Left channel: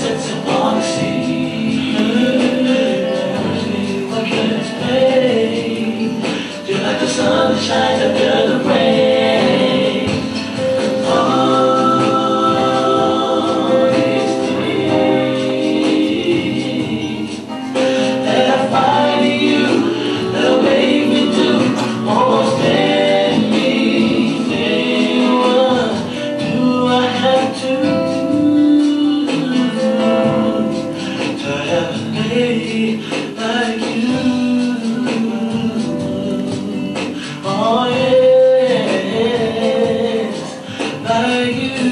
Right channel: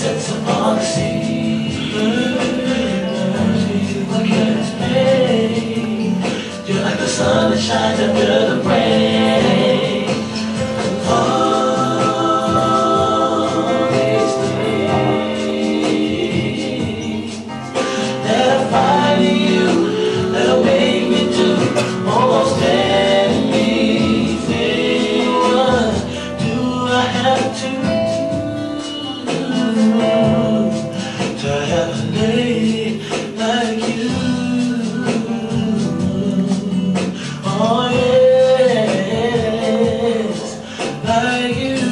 sets upon the sea. What can explain? You're like the sun that shines after the rain. All these things that I find in you, that make me do almost anything. What do I have to have a lady like you? Oh yes, like you.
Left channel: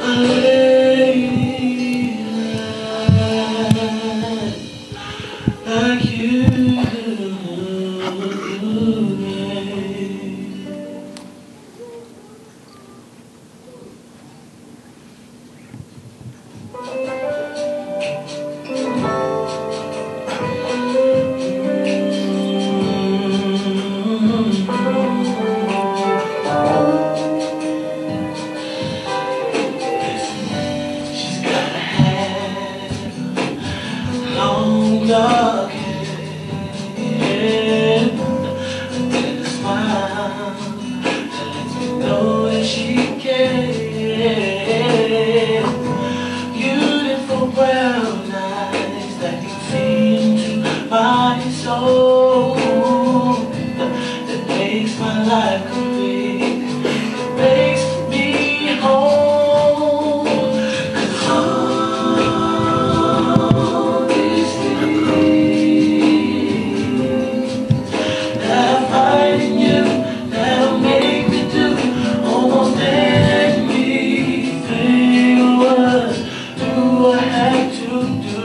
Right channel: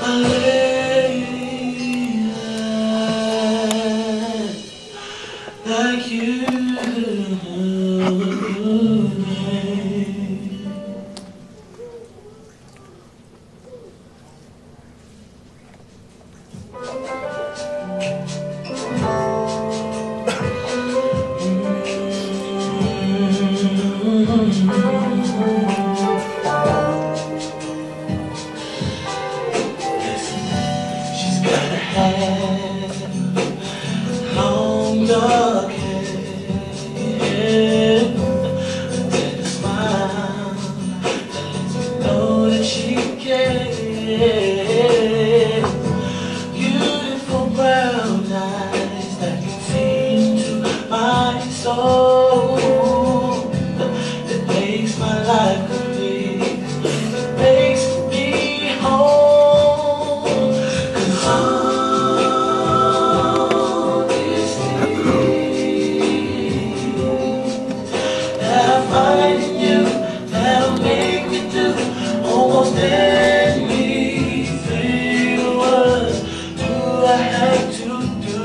A lady like you. She's got a hat, long dark hair, and then a smile that lets me know that she cares. Beautiful brown eyes that can feel into my soul, that makes my life complete, that makes me whole. 'Cause all these things that I find in you, that'll make me do almost anything. What do I have to do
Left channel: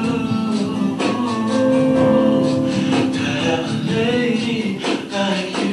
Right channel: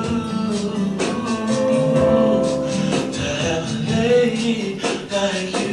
to have a lady like you?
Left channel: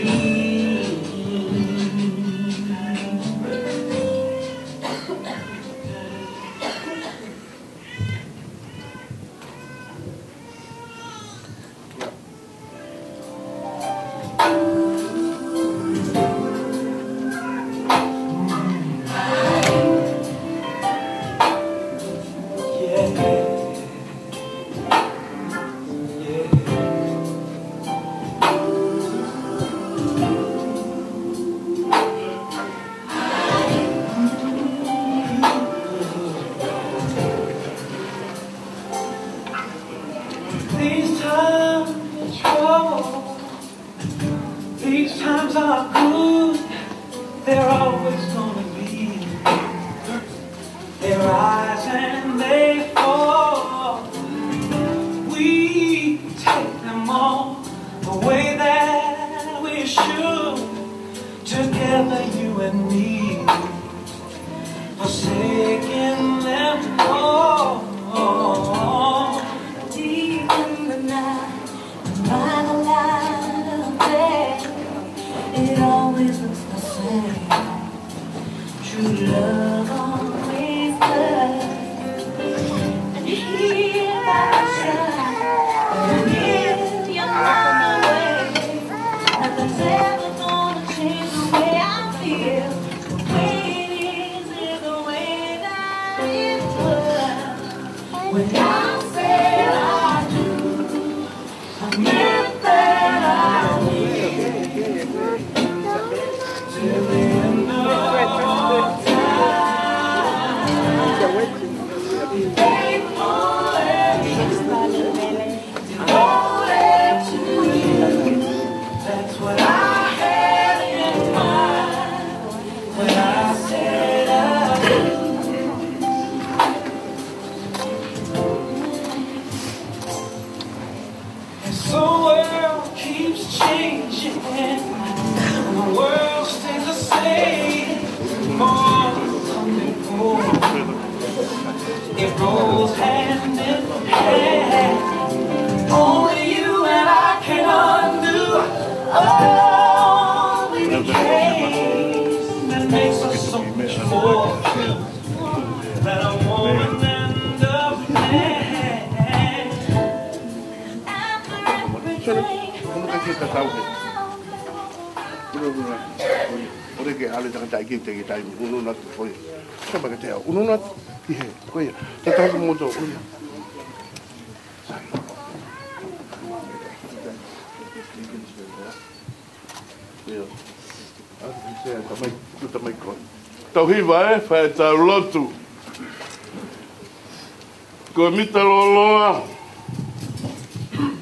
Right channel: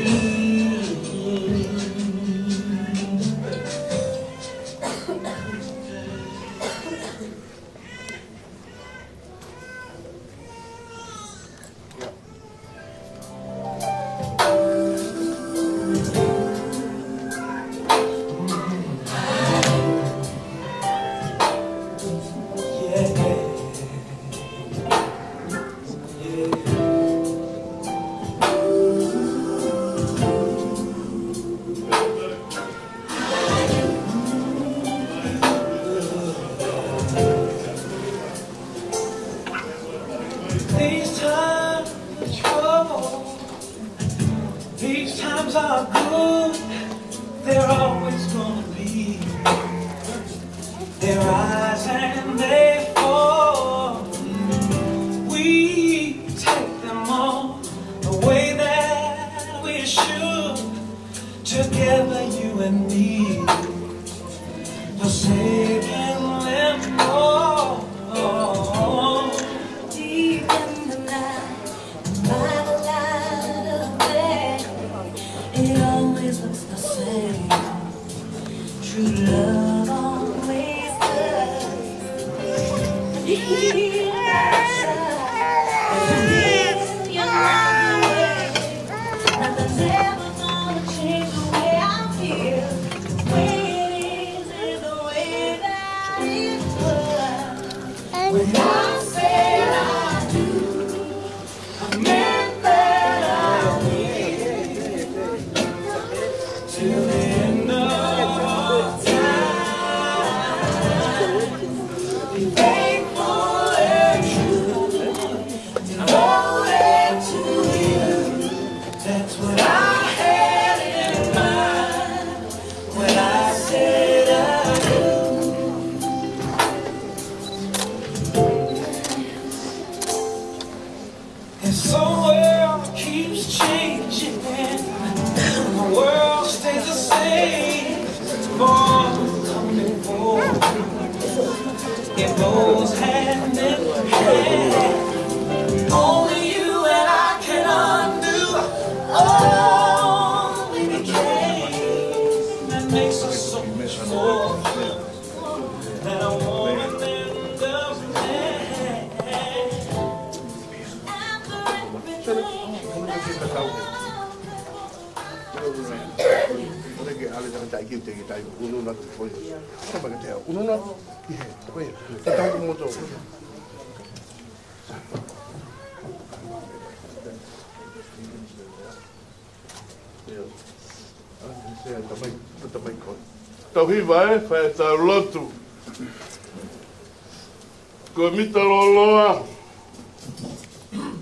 These times of trouble, these times are good, they're always gonna be. They rise and they fall. We take them all the way that we should, together you and me, forsaking them all. Deep in the night, by the light of day, it always looks the same. True love always does. And here I try, yes, you're on the way. Nothing's ever gonna change the way I feel. The way it is the way that it was. When I said I do, I meant that I did. Till the end of all time, be faithful and true, devoted to you. That's what I had in mind when I said I do. And so the world keeps changing, the world stays the same. More before it rolls hand in hand. Only you and I can undo all the decay that makes us so much more than a woman and a man. After everything, ¿Cómo te sientes, Saúl? te ke ale te tai ki te ki tai unu na te foi. Sa ba ke te unu na ki he. Koe. Te ta ko mo to. Sai. Yo. Ati se ta mai ko. Tau hiwa fa ta lotu. Ko mita loa.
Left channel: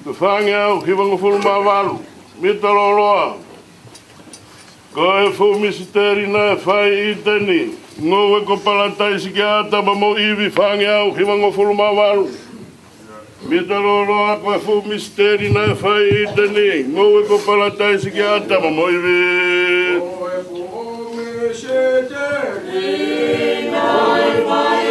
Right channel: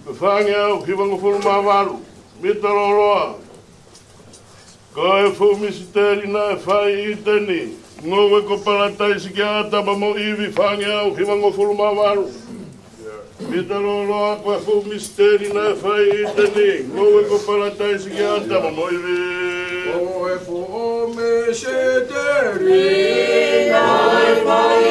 Ko whangau, hiwango fulu mawaru. Mita loa. Ko e fu misiteri na whai i teni. Ngowe ko palatai si kia taba mo iwi whangau, hiwango fulu mawaru. Mita loa, ko e fu misiteri na whai i teni. Ngowe ko palatai si kia taba mo iwi. Ko e fu o misiteri na whai i teni.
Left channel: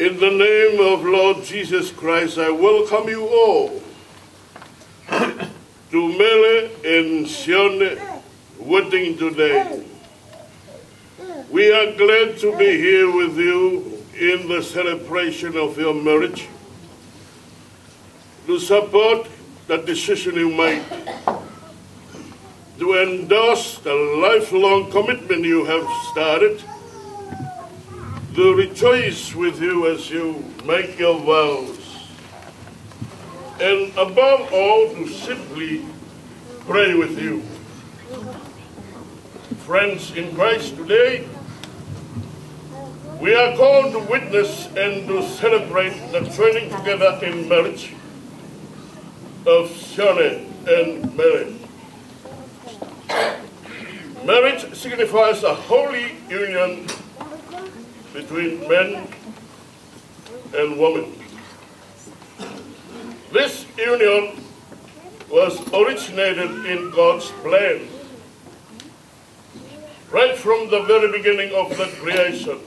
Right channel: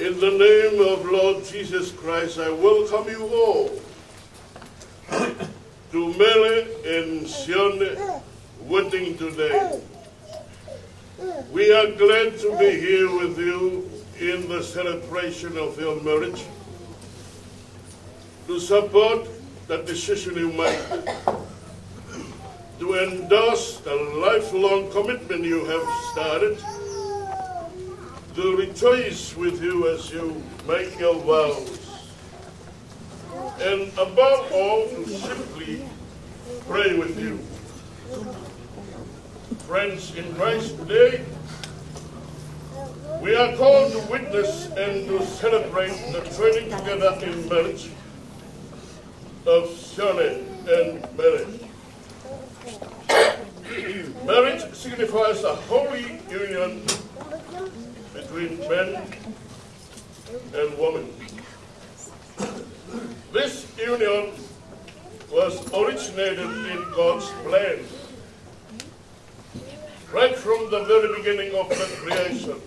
In the name of Lord Jesus Christ, I welcome you all to Mele and Sione wedding today. We are glad to be here with you in the celebration of your marriage, to support the decision you made, to endorse the lifelong commitment you have started, to rejoice with you as you make your vows, and above all, to simply pray with you. Friends in Christ, today, we are called to witness and to celebrate the joining together in marriage of Sione and Mele. Marriage signifies a holy union between men and women. This union was originated in God's plan, right from the very beginning of the creation.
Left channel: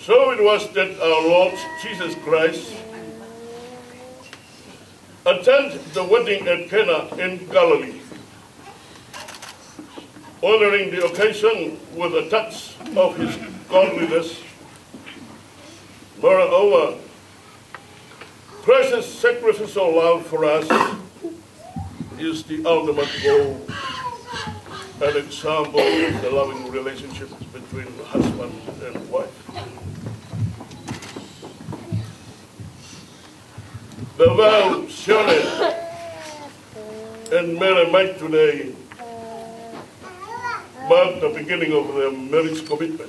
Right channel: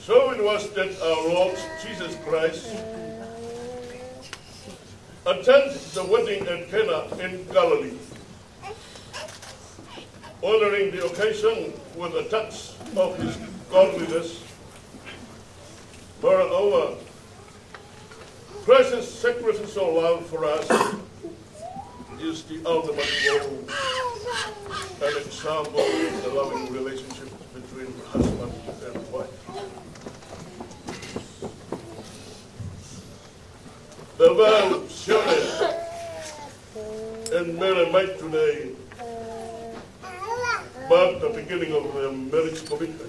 So it was that our Lord Jesus Christ attend the wedding at Cana in Galilee, honoring the occasion with a touch of his godliness. Moreover, Christ's sacrificial love for us is the ultimate goal and example of the loving relationship between husband and wife. The vow Shirley and Mary made today mark the beginning of their marriage commitment.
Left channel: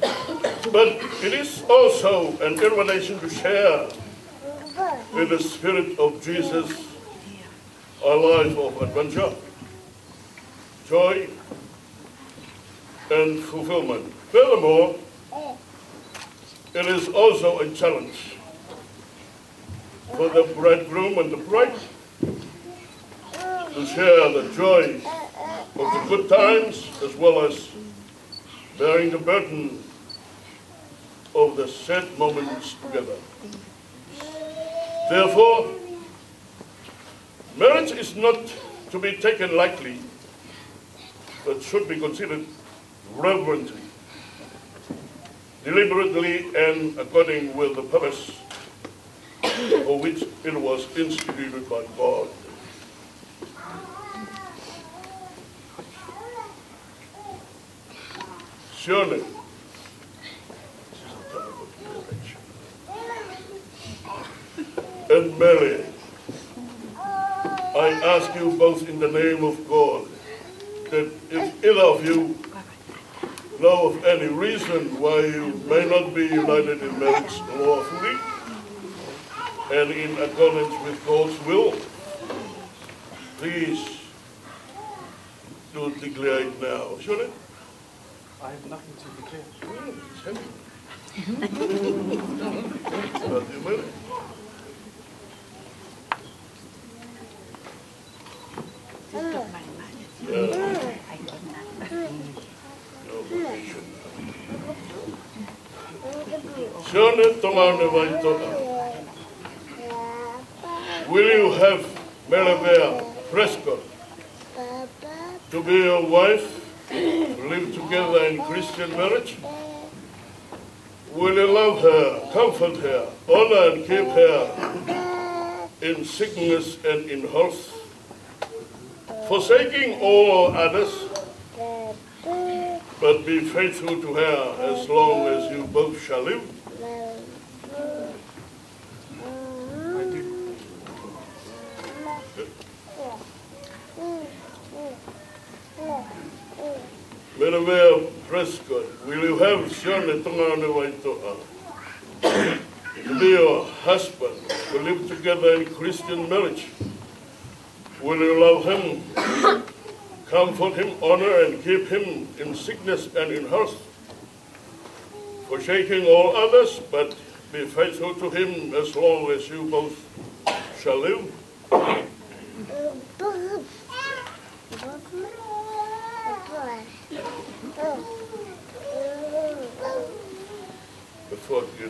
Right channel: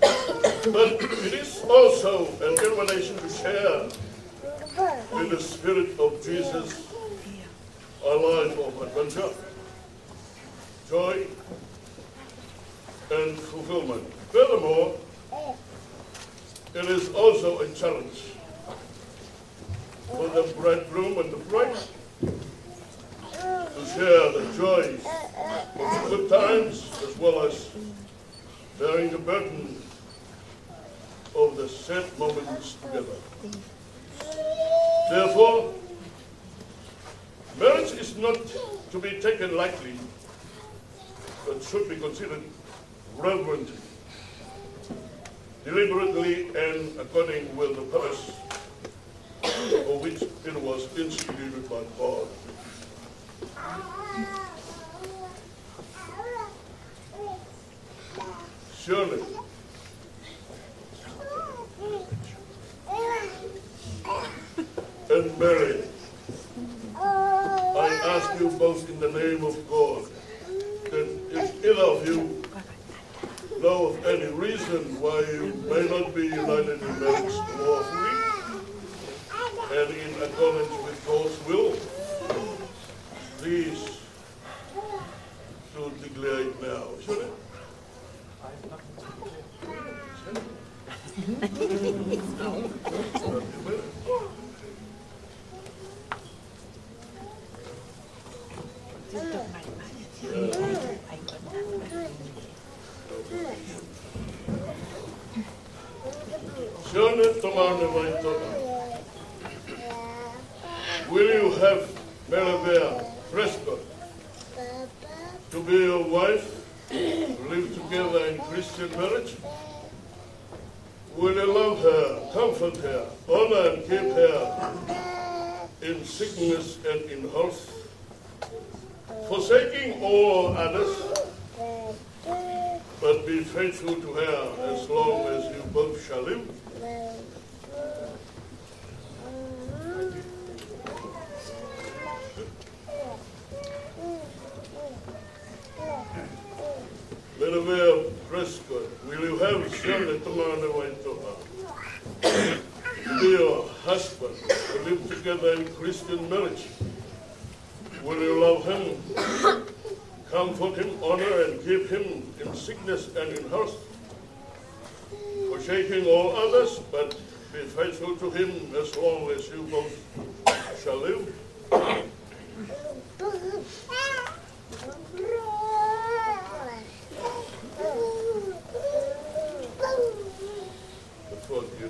But it is also an invitation to share with the Spirit of Jesus a life of adventure, joy, and fulfillment. Furthermore, it is also a challenge for the bridegroom and the bride to share the joy of the good times as well as bearing the burden of the sad moments together. Therefore, marriage is not to be taken lightly, but should be considered reverently, deliberately, and according with the purpose for which it was instituted by God. Surely, and Mary, I ask you both in the name of God that if either of you know of any reason why you may not be united in marriage lawfully and in accordance with God's will, please do declare it now. Should it? I have nothing to declare. Will you have Melabea Prescott to be your wife, to live together in Christian marriage? Will you love her, comfort her, honor and keep her in sickness and in health, forsaking all others, but be faithful to her as long as you both shall live? Melabea Prescott, will you have Shirley Tongana Waitoa to be your husband, to live together in Christian marriage? Will you love him, comfort him, honor and keep him in sickness and in health, forsaking all others, but be faithful to him as long as you both shall live? Before you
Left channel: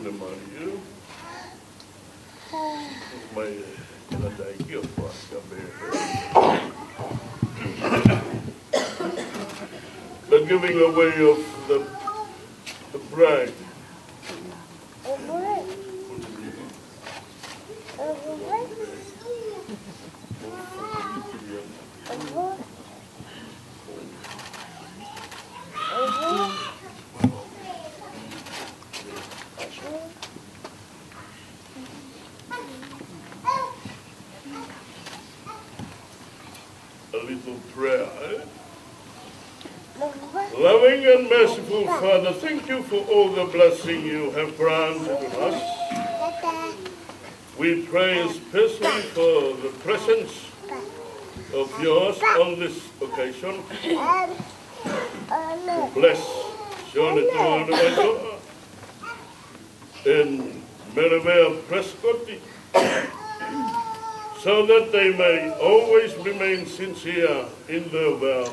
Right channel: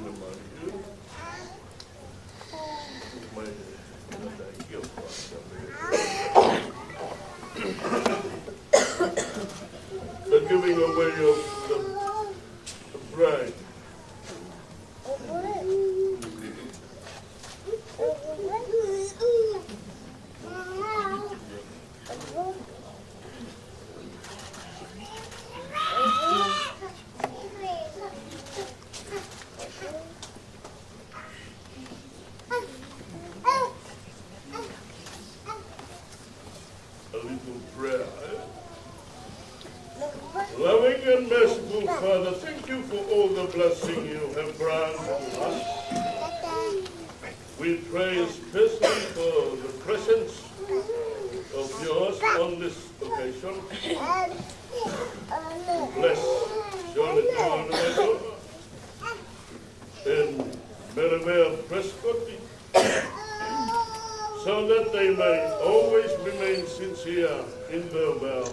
marry the giving away of the bride. Loving and merciful Father, thank you for all the blessing you have granted to us. We pray especially for the presence of yours on this occasion. Bless Jonathan and Melabea Prescott, so that they may always remain sincere in their vows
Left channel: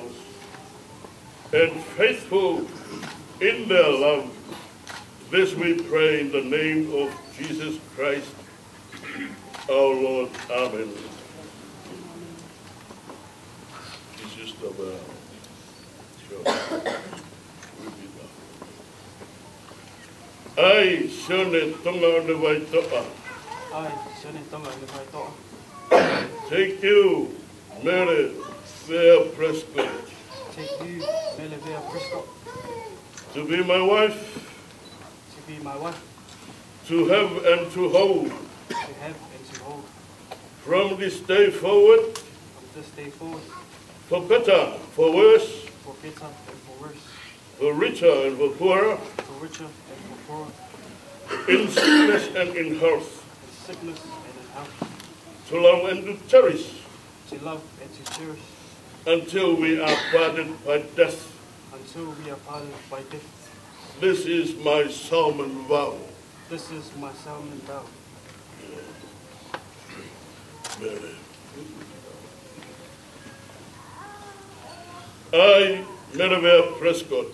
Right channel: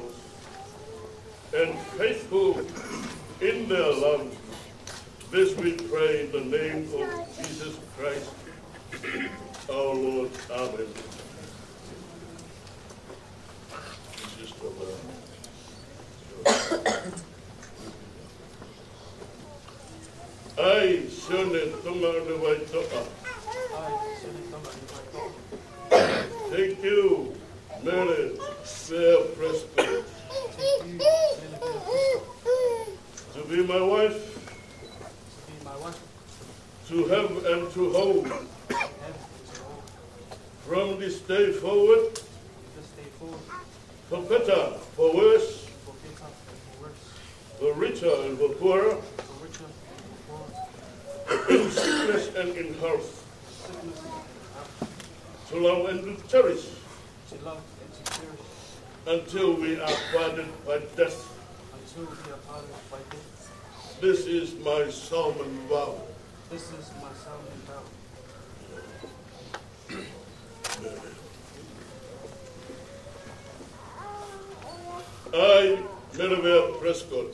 and faithful in their love. This we pray in the name of Jesus Christ, our Lord. Amen. This is the vow. Ai, Sone Tonga o le Waitoa. Take you, Mary Fair Prescott, to be my wife, to have and to hold, from this day forward, for better, for worse, for richer and for poorer, in sickness and in health, to love and to cherish, until we are parted by death. This is my solemn vow. I, Merivale Prescott,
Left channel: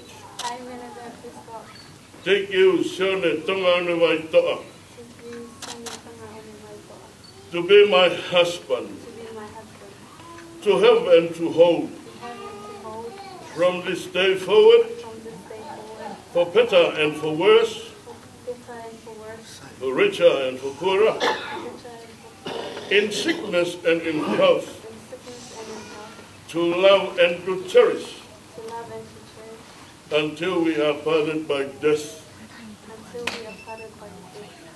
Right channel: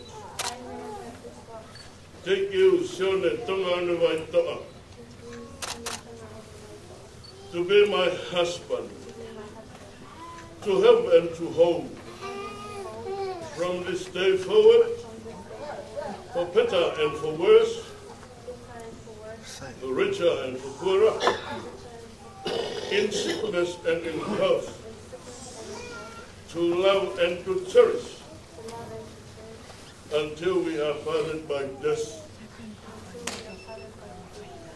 take you, Sone Tonga o Waitoa, to be my husband, to have and to hold, from this day forward, for better and for worse, for richer and for poorer, in sickness and in health, to love and to cherish, until we are parted by death.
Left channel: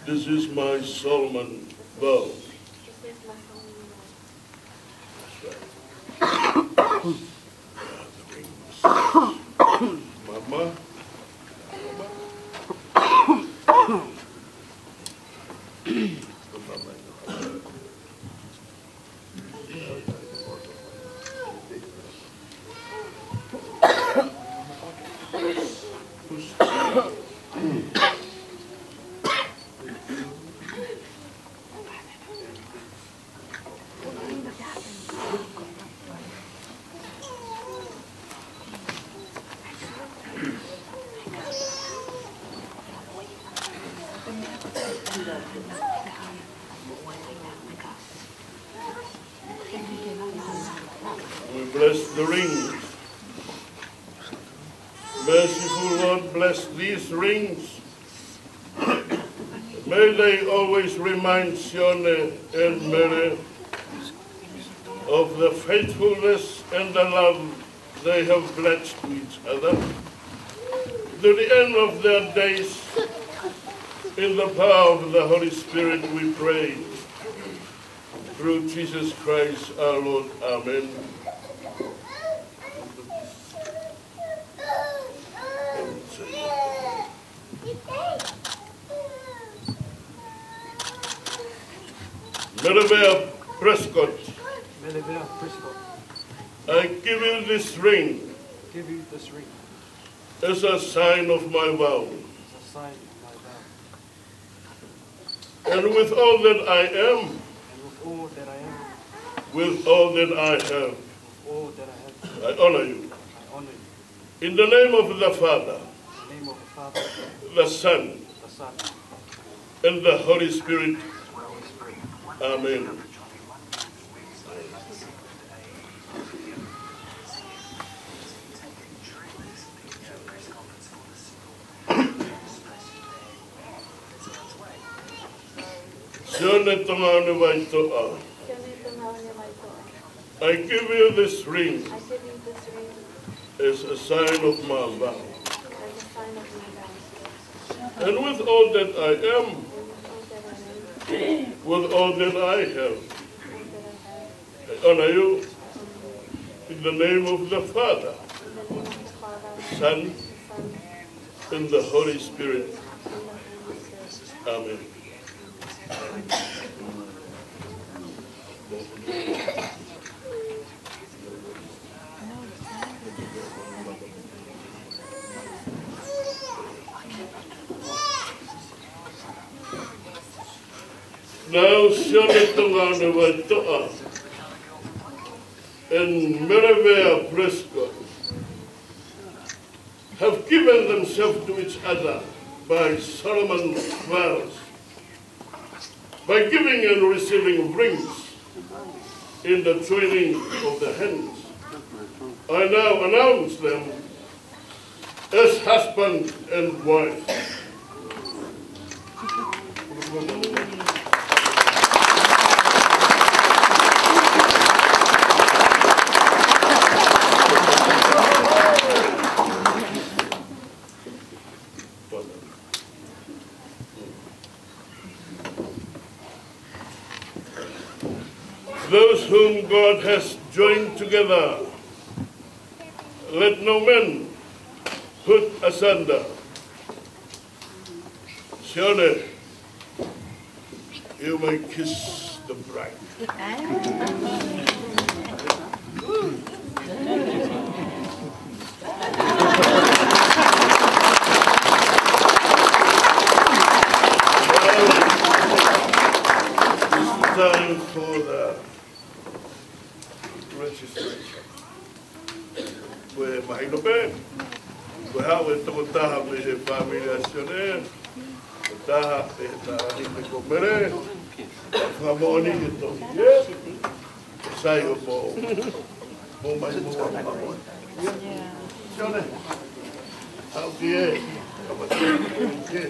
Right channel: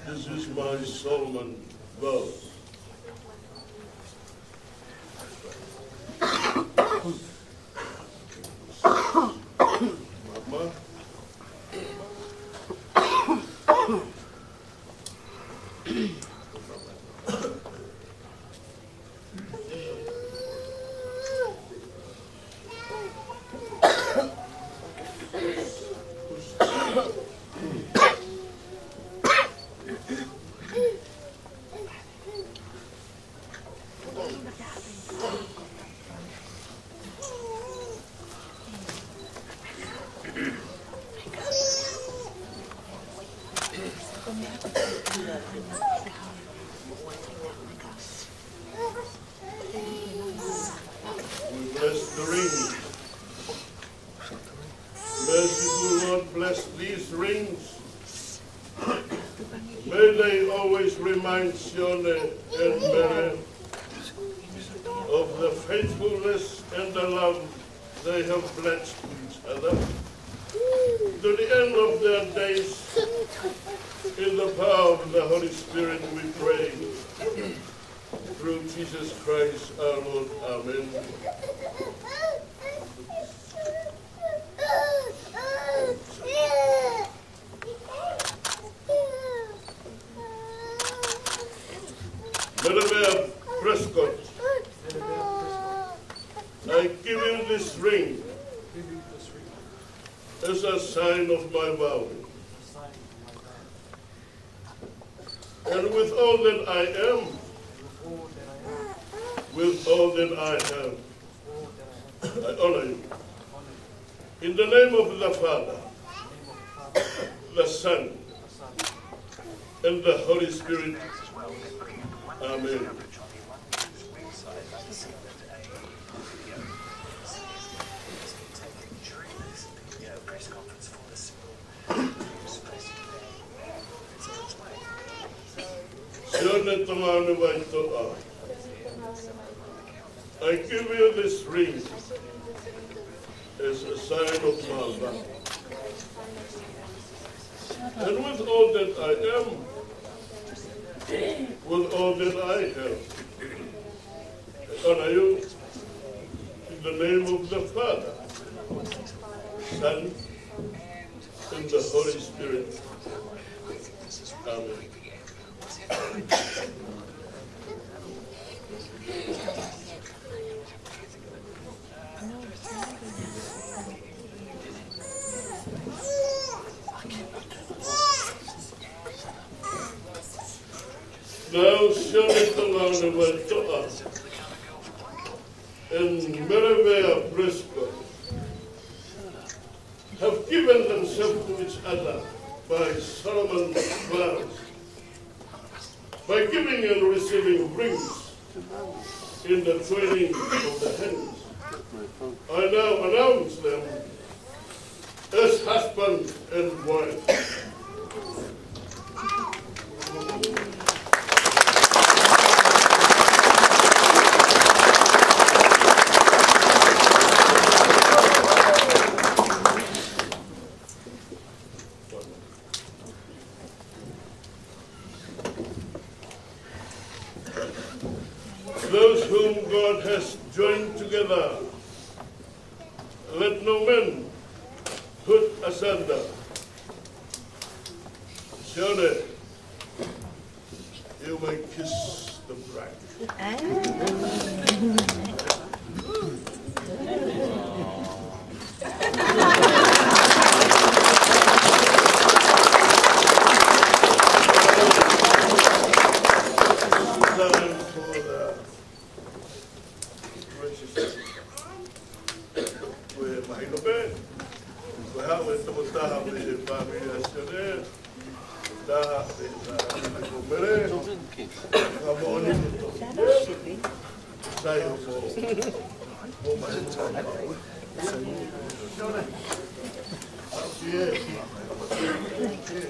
This is my solemn vow. Mama. We bless the rings. Merciful Lord, bless these rings. May they always remind Sione and Mary of the faithfulness and the love they have pledged to each other to the end of their days. In the power of the Holy Spirit we pray. Through Jesus Christ our Lord. Amen. Merivale Prescott, I give you this ring as a sign of my vow. And with all that I am, with all that I have, I honor you. In the name of the Father, the Son, and the Holy Spirit. Amen. Sione Tonga o Waitoa, I give you this ring as a sign of my vow. And with all that I am, with all that I have, I honor you in the name of the Father, Son, and the Holy Spirit. Amen. Now, Sione Tonga o Waitoa and Merivale Prescott have given themselves to each other by solemn vows. by giving and receiving rings in the training of the hands. I now announce them as husband and wife. Those whom God has joined together, let no man put asunder. Sione, you may kiss the bride. Time for the register. We're behind the bed. We have to have the family Sione. Taha te komere, famoni ito. Sayo po. Mumay mo. Sione. Altie. Altie.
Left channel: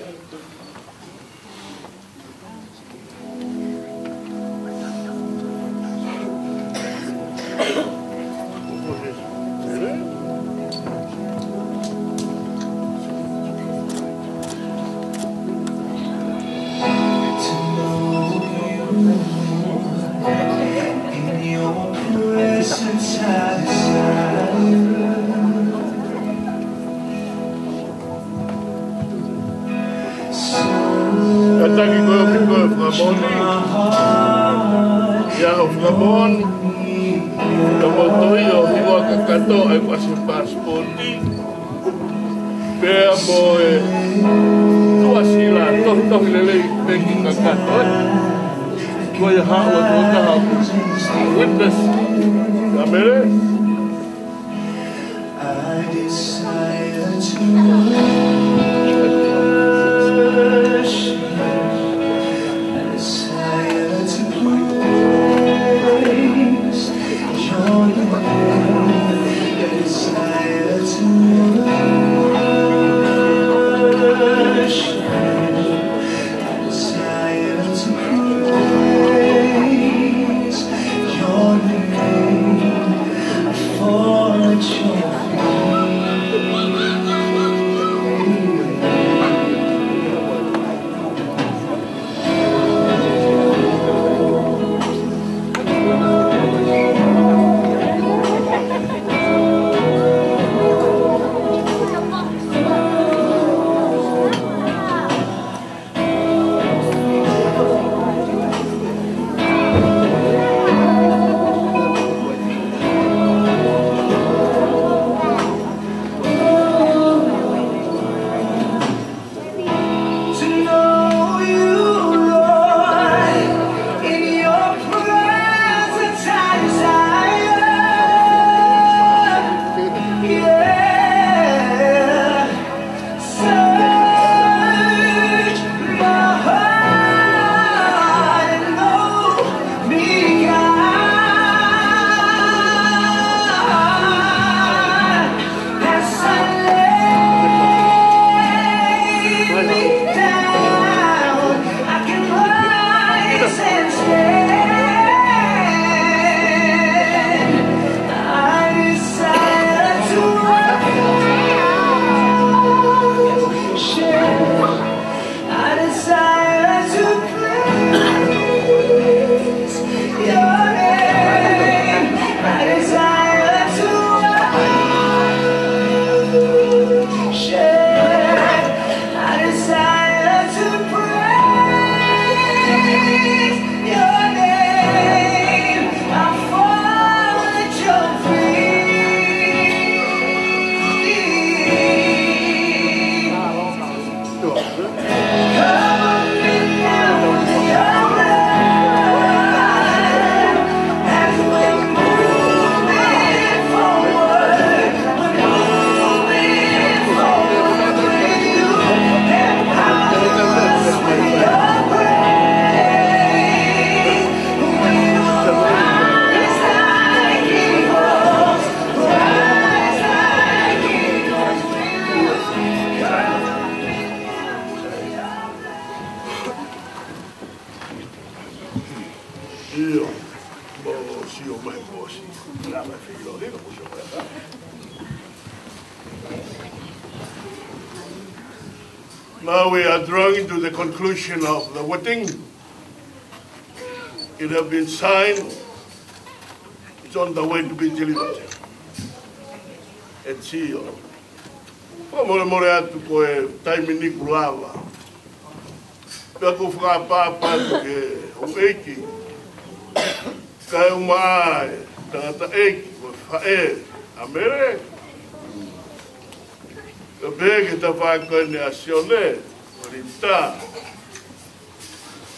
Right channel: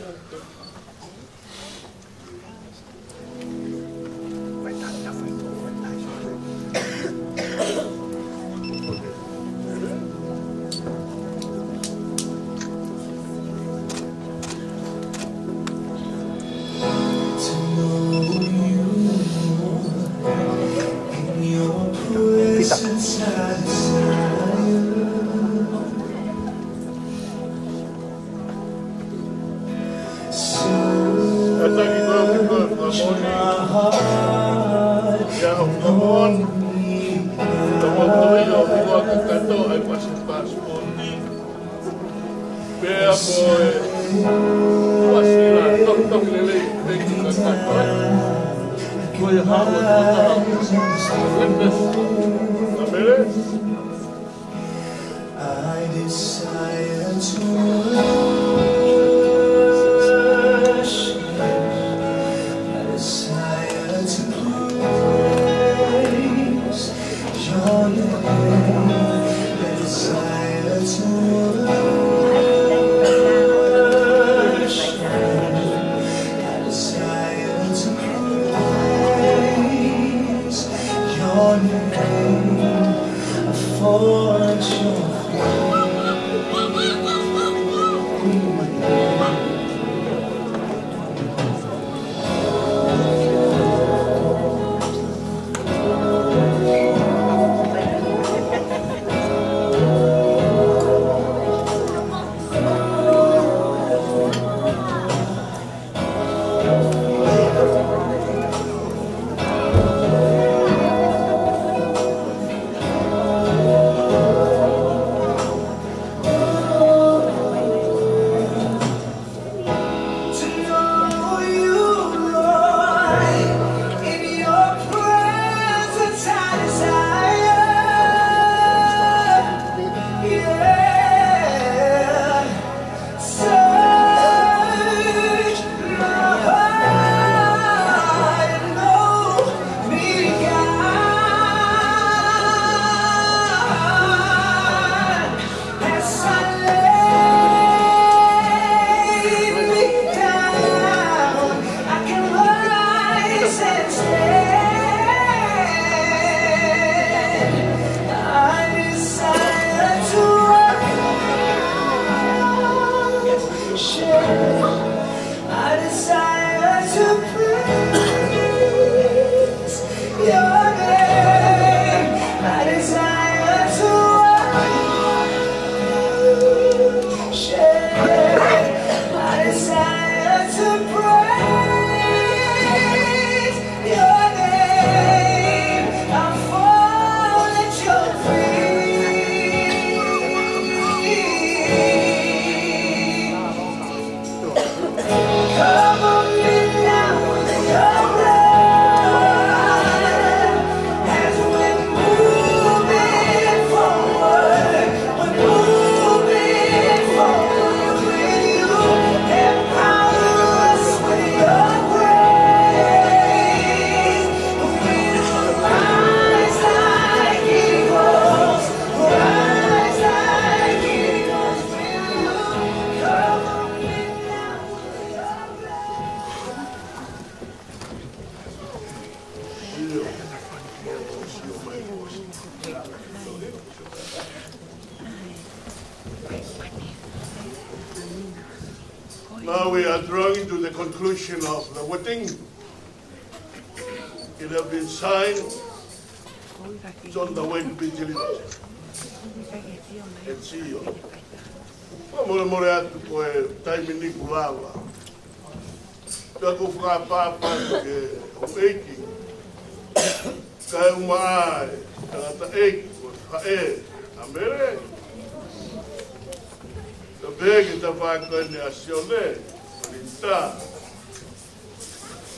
Katagi ko flamoni. Ya flamon. Tomoto yo iwa kakato ay kasi passporti. Bea mo tua sila toh lele teki kakato. Ko ya hawa wata witness. Amere. I desire to your name, for Now we are drawing to the conclusion of the wedding. It has been signed. It's on the way to be delivered. It's here. More atu koe taimini kulava. Peko whakapapa ke ueki. Kai umai, tangata eki, whae, amere. Ka peke ta whakakoe ne asione, parita.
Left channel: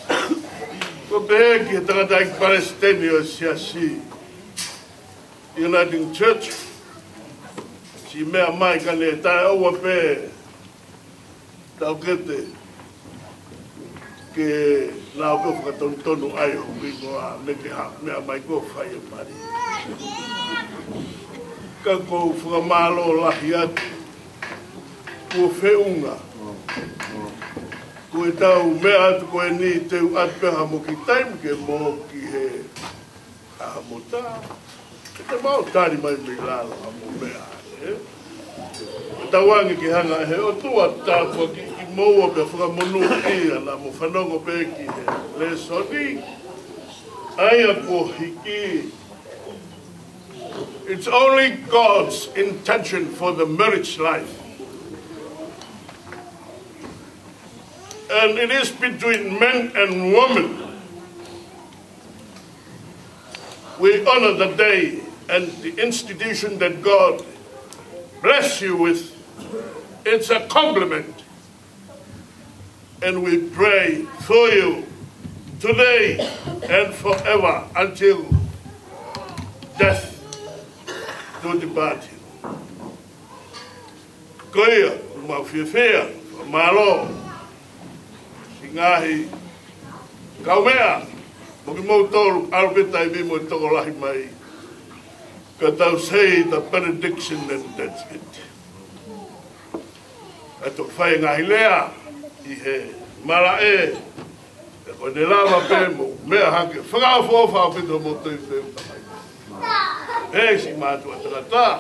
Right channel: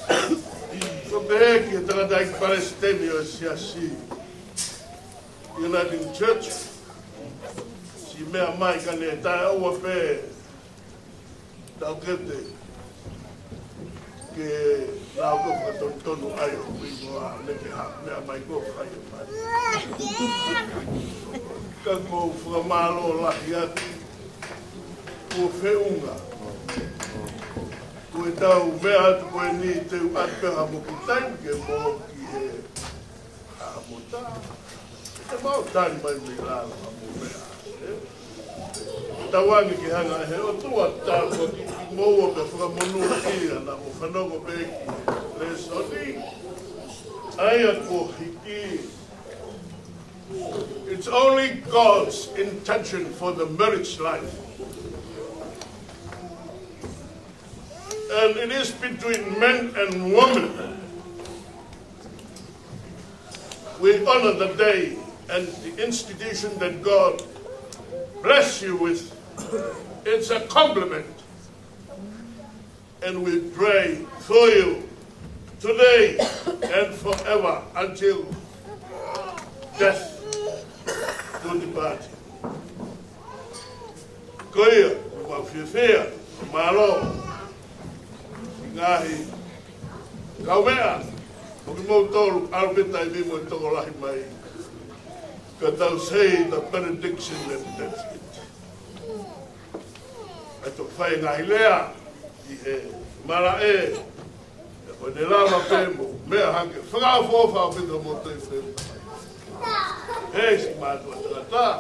Ka peke tangata iki Palestini o siasi. Uniting Church. Si mea mai ka ne tae aua pe tau kete ke nā ko whakatonu ai hui koa neke ha mea mai ko whai e pari. Ka ko whakamalo lahi atu ko whiunga ko e tau mea atu ko e ni teu atu peha mo ki taimi ke mo ki he aha mo tā. Te mau tari mai me lalo a mo mea. Tawangi ki hanga he o tua tāpua ki moua pe whakamonu ia na mo whanongo pe ki le soni. Aia ko hiki. It's only God's intention for the marriage life. And it is between men and women. We honor the day and the institution that God bless you with. It's a compliment. And we pray for you today and forever until death do depart you. Koia, mawhiwhia, malo, ingahi, kawea, moki mo tolu, arbeta I mo toko lahi mai. Ka tau say the benediction and that's it. Ato whai ngahi lea, I he mara e, o ne lava pēmu, mea hanke, whakawhawha pito mo tui whēmu. E si mātua tagata,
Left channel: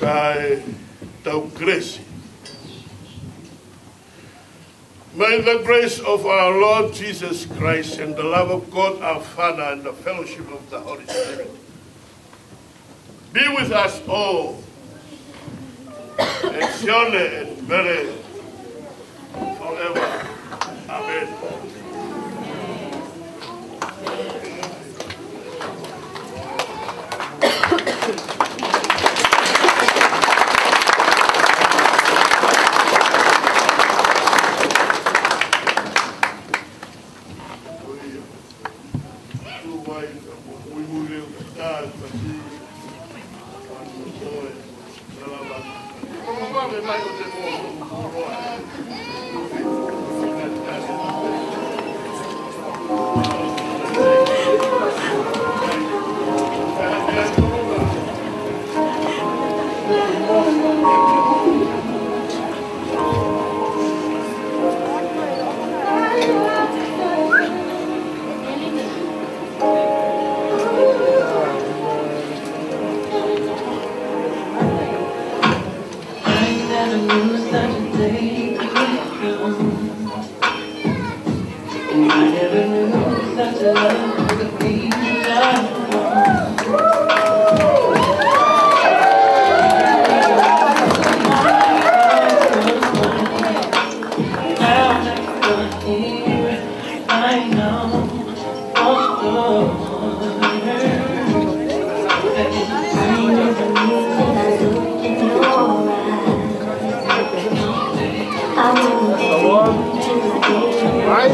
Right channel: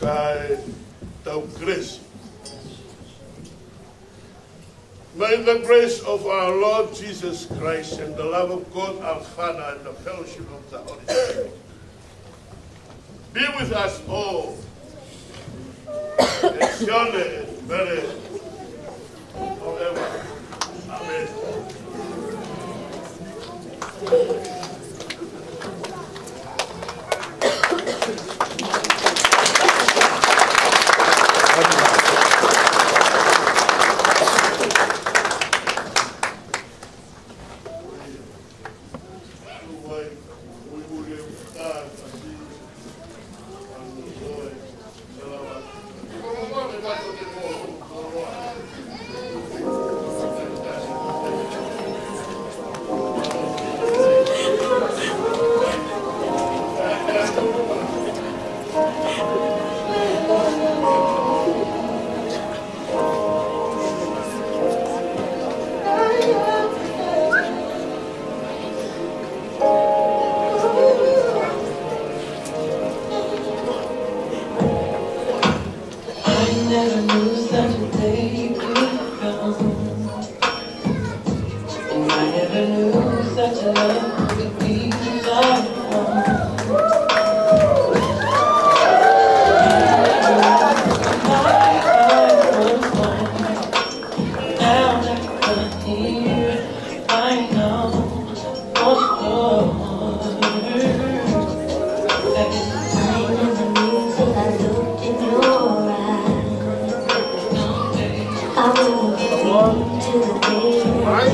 kai tau kresi. May the grace of our Lord Jesus Christ and the love of God our Father and the fellowship of the Holy Spirit be with us all. And surely and very forever. Amen. I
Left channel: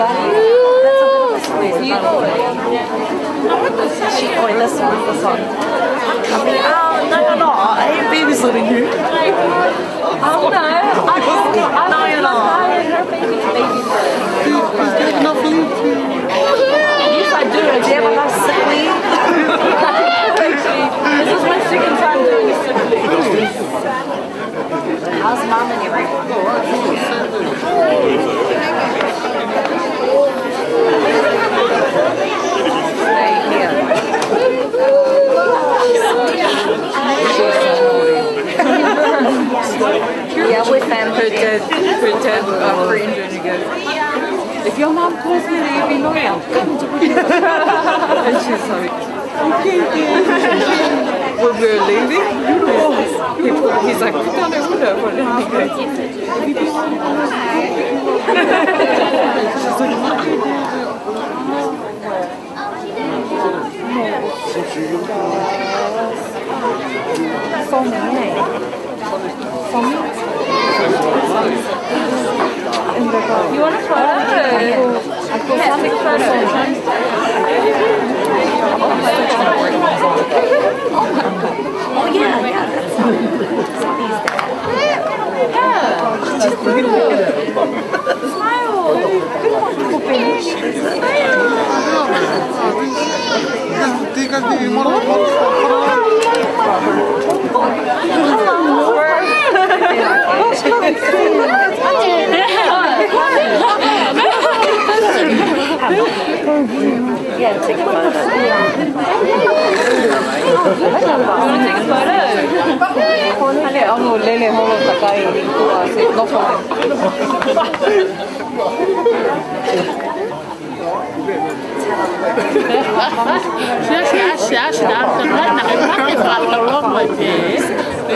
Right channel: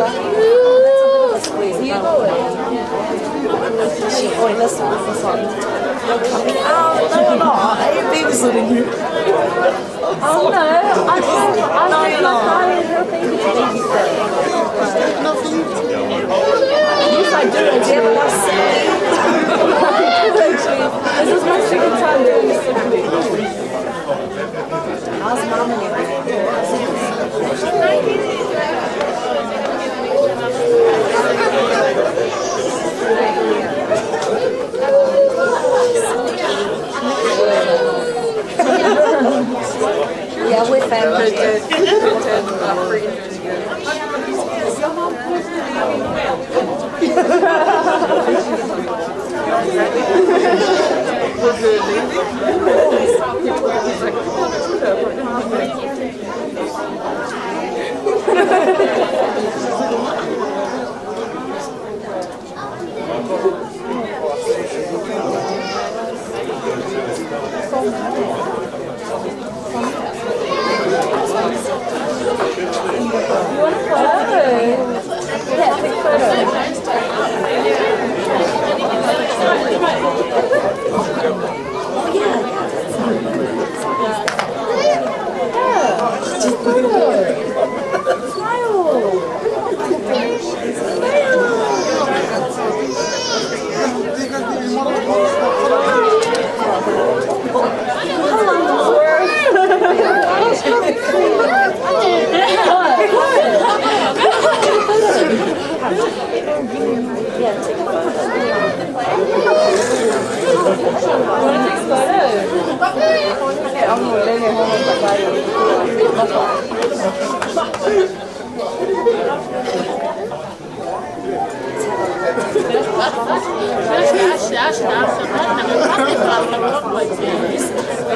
Thank you.